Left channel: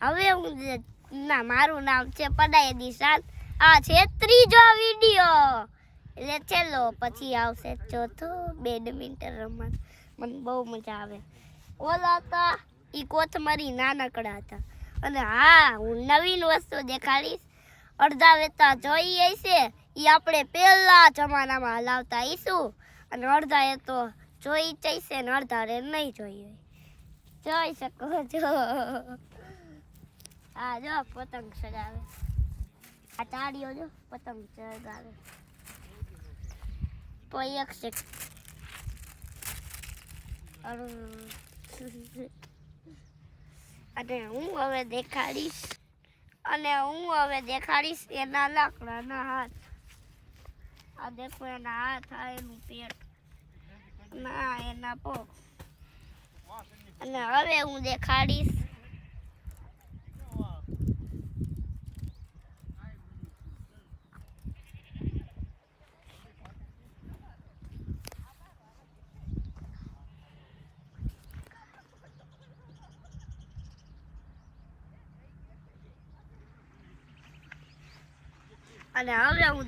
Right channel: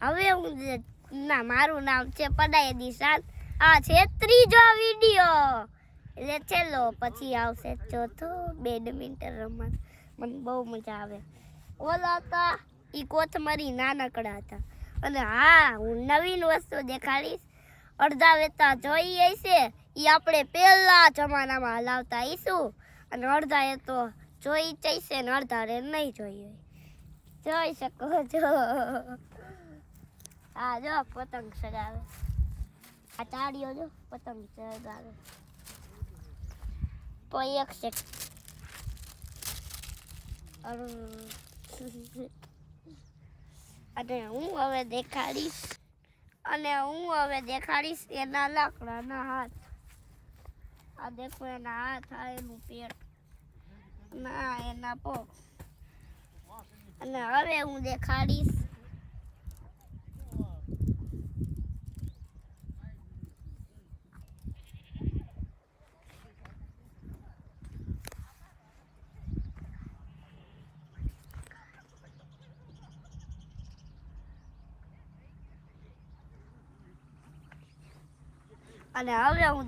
હવે હું ના મારું નામ છે પડાય દિશાન. આ છે ત્રીજો વિડિયો, એટલે ચલો પછી આવશે ચોથો. બેડમિન્ટન રમવા મને બહુ મજા આવે. ઓલા હતા ઈ કોથમરી નાનકડા હતા. અને હા, હું નવીન વસ્તુ દેખાડીશ. અડધા વેતા જોઈ છે ઈ આપણે પહેલા જમાનામાં હલાવતા ઈશું, અને અડધા એ તો જોઈ જઈશે ને અડધા રે નહીં જોઈ. જોઈ શકો છો. આ જો પતંગ ચગાવે, આ તાળીઓ જો પતંગ ચગાવે. તો એક સેકન્ડ. અને હું હવે દેખાડીશ એના લાકડાના હાથ. આ દેખો એના હાથ, આ એનું પેટ, ના એના પગ. અને હવે હું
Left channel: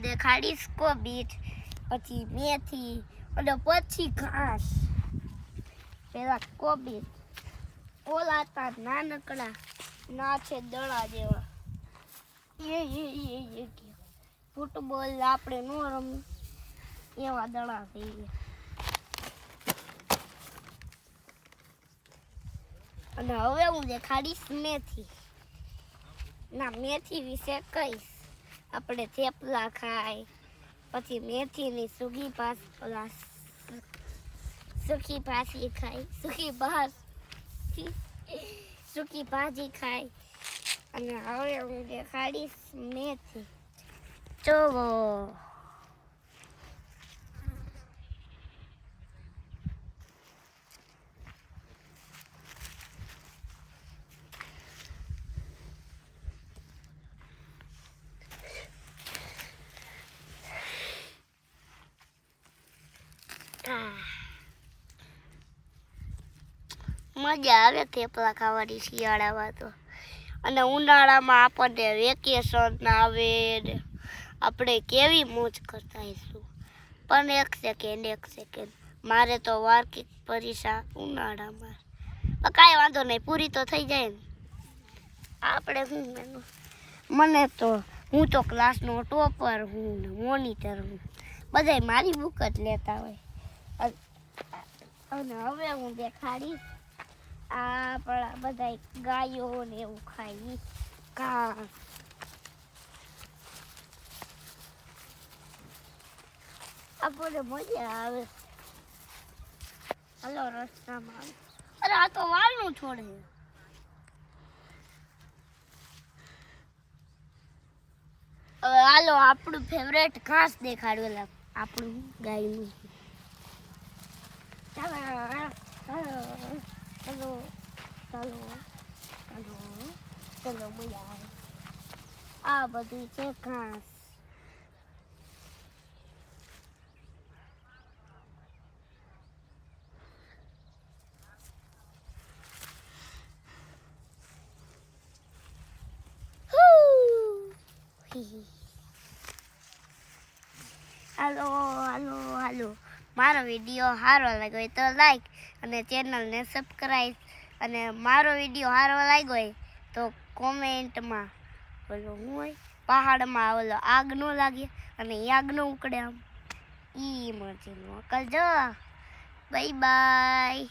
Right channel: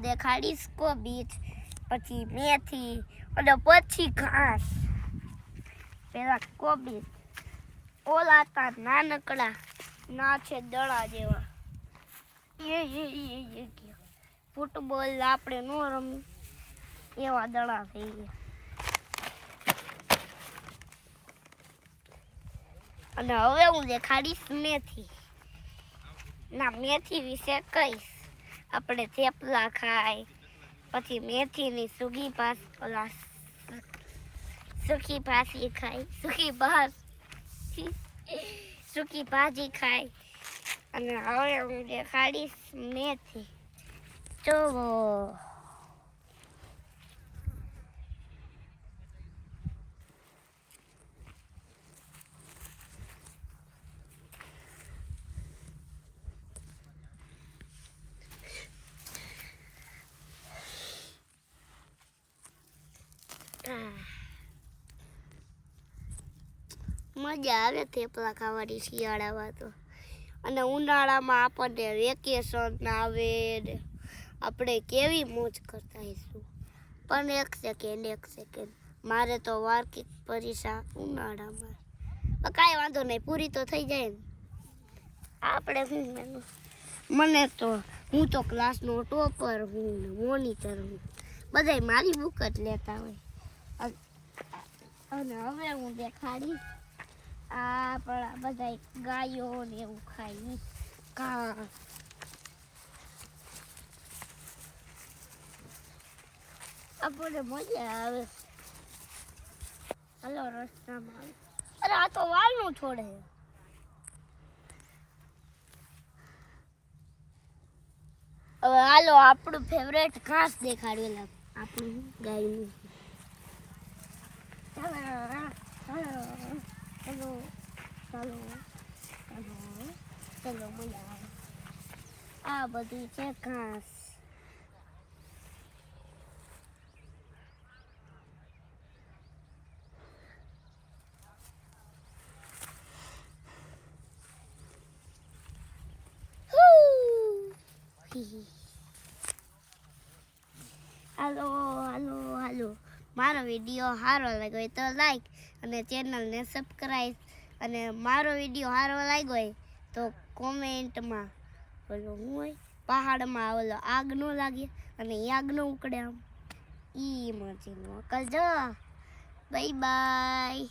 દેખાડીશ કોબીજ, પછી મેથી, અને પછી ઘાસ. પેલા કોબીજ, ઓલા હતા નાનકડા, ના છે દડા જેવા. ફૂટબોલ આપણે નો રમી એવા દડા થઈ ગયા. અને હવે હું દેખાડીશ મેથી. ના, મેથી વિશે કહીશ. આપણે થેપલા ખાય, પછી મેથીની સૂકી ભાજી ખાય, સૂકી ભાજી ખાય. અને હવે હું દેખાડીશ મેથી. જોવો, મજા આવે થેપલા ખાવાની શિયાળામાં તો. અને ઉનાળામાં આપણને વેકેશન આવે ને આપણે કેવી મોજ કરતા હઈશું. પણ એક સેકન્ડ, મારે તો વાર્ષિક પરીક્ષા ઉનાળામાં. કાંઈ વાંધો નહીં, પૂરી તો થઈ જાય ને. આપણે હું તો ક્લાસનો ટોપર હું, મોનિટર હું. બધાય મારી બુક જ લેતા હોય. અને હવે હું દેખાડીશ આપણા બધા ગાયો ને એવું ખાઈ ઘાસ. આપણને મજા આવે. હાલો રસ્તામાં. અરે આ તો વાલનું છોડે. હવે હાલો આપણું ફેવરેટ ઘાસ દેખાડવેલા, આપણું ગાયનું. ચલો મજા આવે. આ બધું છે ઘાસ. હાલો. મારો વિડીયો સારો લાગ્યો હોય તો લાઈક અને ચેનલને સબસ્ક્રાઈબ. અને મારો વિડીયો સારો લાગ્યો હોય તો કોમેન્ટમાં બોલો હું હોય પહાડમાં ઓલો આગ ન લાગે અને આગ ન ઉકળે આમ ઈ મરજીનું કરજો. Bye bye.